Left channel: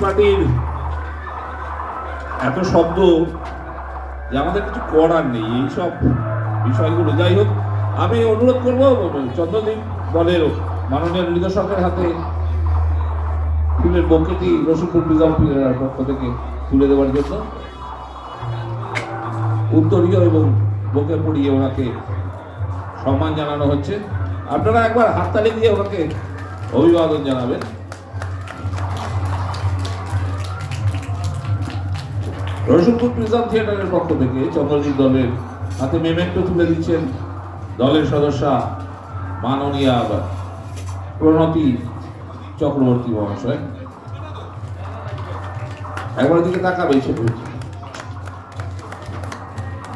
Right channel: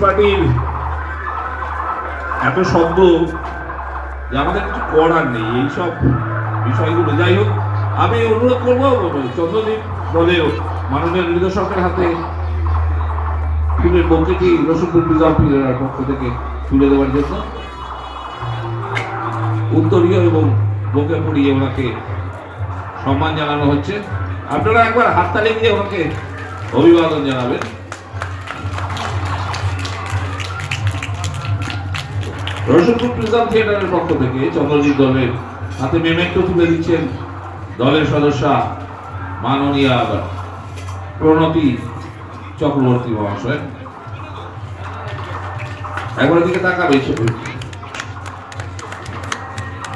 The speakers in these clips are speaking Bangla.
পার্টির এত শব্দ যে আমাদের কিছু করার নেই এইসব বিষয়গুলো। যাই হোক, আমি অনুরোধ করবো চন্দ্রদ্বীপ দলের মাননীয় নির্দেশকের হাতে ফুলের বকেটি রসুলপুর বিজয়পুরের পক্ষ থেকে তুলে দেওয়ার জন্য উত্তরীয় এবং বকে পড়িয়ে ওনাকে সম্মান জানানো হচ্ছে। আপনারা একবার হাততালি দিয়ে ওনাকে অভিবাদন জানাবেন। রসুলপুর প্রিজম থিয়েটারের পক্ষ থেকে চন্দ্রদ্বীপ দলের হাতে মেমেন্টো তুলে দিচ্ছেন দলের সদস্যা মাননীয়া প্রণতি চক্রবর্তী মহাশয়। একবার দিকে তাকাবে।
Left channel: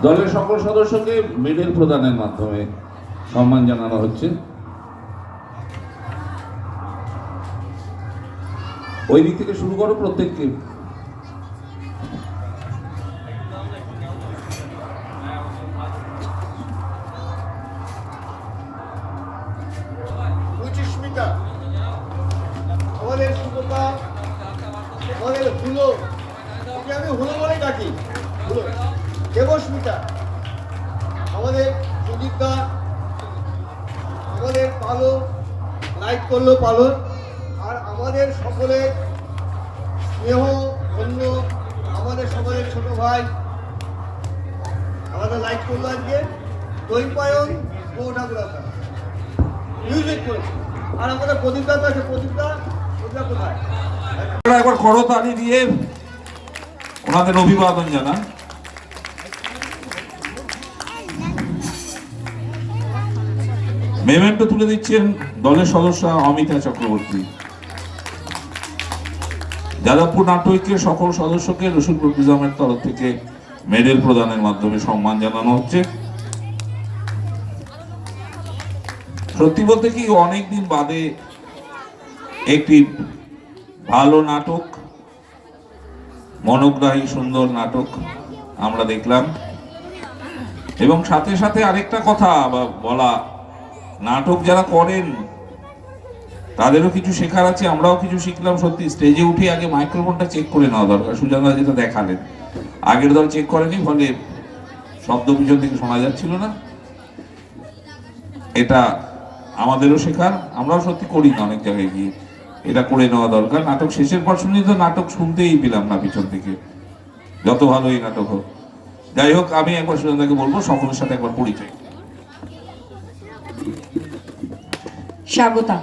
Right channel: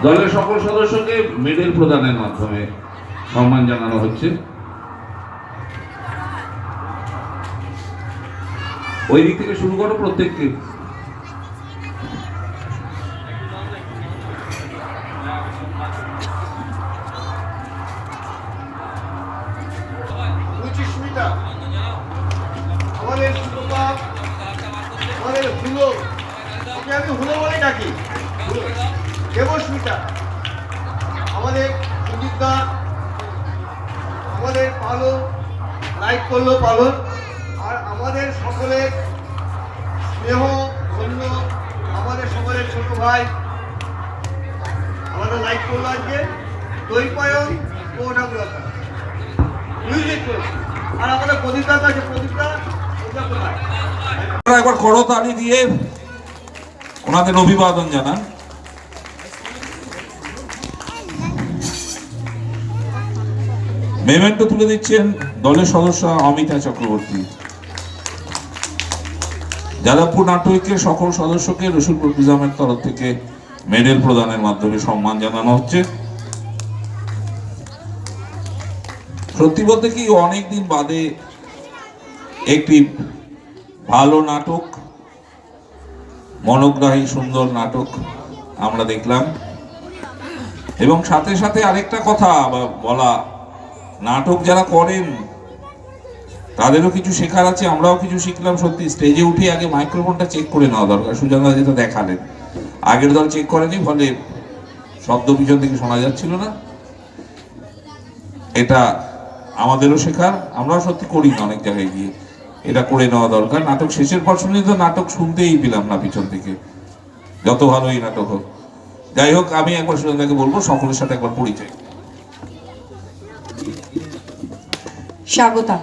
দলের সকল সদস্যকে মেডেল প্রদানের মাধ্যমে সম্মান জানানো হচ্ছে। ওই দিক থেকে শুরু করো প্রত্যেককে। আমাদের সুপ্রভাত, আমাদের হুলো, আমি হুলো বলে ডাকি, দেবস্মিতা, আমাদের সুদীপদা, আমাদের পালন, লাইট করলো পালন, আর আমাদের সকলের স্নেহ ধন্য, আমাদের সকলের ছোট ভাই, আমাদের লাইট করলো আজকে দৈপায়ন ঠাকুরতা মিউজিক করছে। আর আমাদের প্রদীপদা আছে, প্রদীপদা একবার করতালি দিয়ে ওনাদের অভিবাদন জানান। মেমেন্টো তুলে দিচ্ছেন দলের সদস্য অমিতা চক্রবর্তী। যাদবপুর নাট্যকের সকল সদস্যকে রসুলপুর প্রিজমের তরফ থেকে মেডেল প্রদানের মাধ্যমে সম্মান জানানো হচ্ছে। সত্যি বলতে কি অনেকদিন বাদে একটি ভালো নাটক, মনোগ্রাহী সুন্দর নাটক আমরা দেখলাম। এবং সাথে সাথে আরেকটা কথা বলা, নাটক যারা করেন তাদেরও কিছু শেখার আছে, আমরাও কিছু শিখলাম। সত্যি স্টেজে উঠে আগে মাইক্রোফোনটা চেক করে নেওয়া দরকার। সুজানদা যেটা দেখালেন, আগের দল চেক করেনি, ফলে শব্দ পিছন থেকে শোনা যাচ্ছিল না। এটা আমাদেরও শেখার, আমরাও সত্যি করি না অনেক জায়গায় গিয়ে, এটা করে নেওয়া দরকার। নাটক শেষের পর শুনে তো নাটক শুনতেই পেলাম না পিছন থেকে, যত ভালোই নাটক হোক। যাই হোক, আমি একবার সুজানদাকে বলবো সকলের সাথে একবার পরিচয়। স্বাগতা,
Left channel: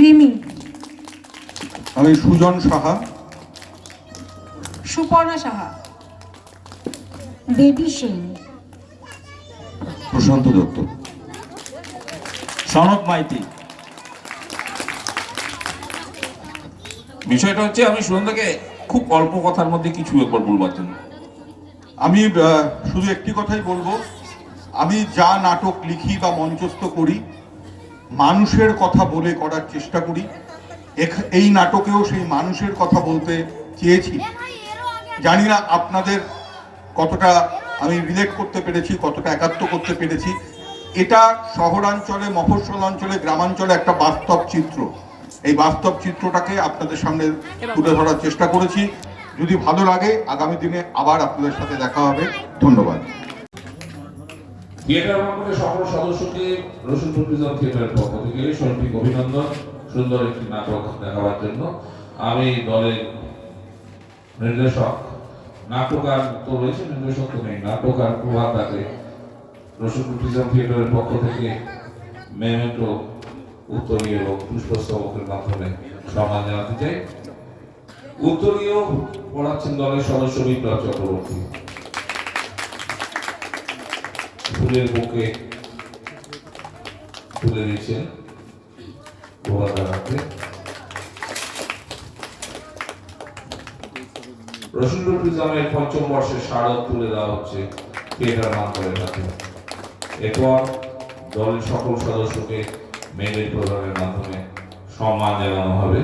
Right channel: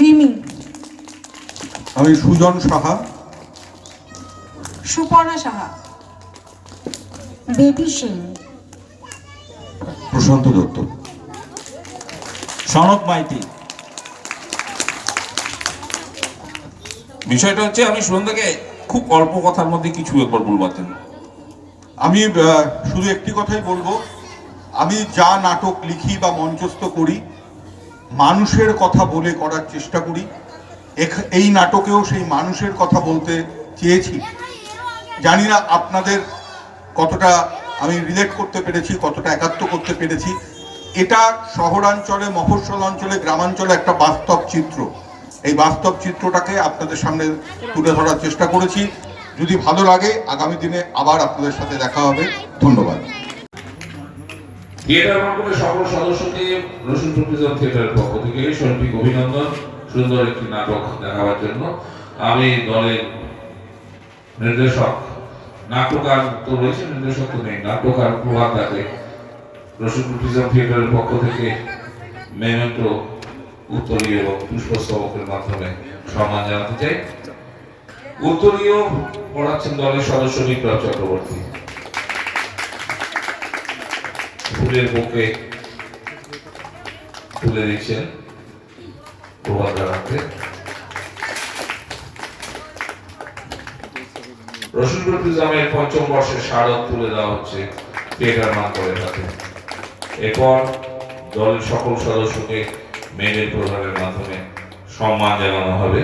রিমি, আমি সুজন সাহা, সুপর্ণা সাহা, বেবি সিং, প্রশান্ত দত্ত, সনক মাইতি। বিষয়টা হচ্ছে আমি সুজানদাকে খুব অল্প কথার মধ্যে কিছু একবার বলবাতেন। আমি শুধু একটি কথাই বলবো, আমি যা নাটক লিখি বা মঞ্চস্থ করি মানুষের কথা বলে করার চেষ্টা করি। এই নাটকেও সেই মানুষের কথা বলতে চেয়েছি। জানি না আপনাদের কতটা আমি রিলেট করতে পেরেছি, কতটা একাত্ম করতে পেরেছি। এটা শহরাঞ্চলে, মফস্বল অঞ্চলে, গ্রামাঞ্চলে একটা বাস্তব চিত্র। এই বাস্তব চিত্রটাকে আপনাদের সামনে তুলে ধরার চেষ্টা করেছি। যদি ভালো লাগে আগামী দিনে আবার আপনাদের সাথে দেখা হবে। ধন্যবাদ। থিয়েটার মণ্ডলের সকল সদস্যকে রসুলপুর প্রিজম থিয়েটারের পক্ষ থেকে শৈল্পিক অভিনন্দন, সুন্দর একটি নাটক দেখাবার জন্য। আমি দলের নির্দেশক, নাট্যকার তো রয়েছে, নির্দেশক তো নেই, নাট্যকার প্রভাতাকে রসুলপুর প্রিজম থিয়েটারের পক্ষ থেকে মেমেন্টো উত্তরীয় এবং পুষ্পস্তবকের মাধ্যমে সম্মান জানাতে চাই। উত্তরীয় পড়াচ্ছেন দলের সদস্য বিপ্লব চক্রবর্তী। ফুলের বুকে তুলে দিচ্ছেন প্রভাতাকে। রসুলপুর প্রিজমের পঞ্চম বর্ষের স্মারক তুলে দেওয়া হচ্ছে থিয়েটার মানকরের হাতে। এরপর দলের সকল সদস্যকে মেডেল প্রদানের মাধ্যমে সম্মান জানানো হবে।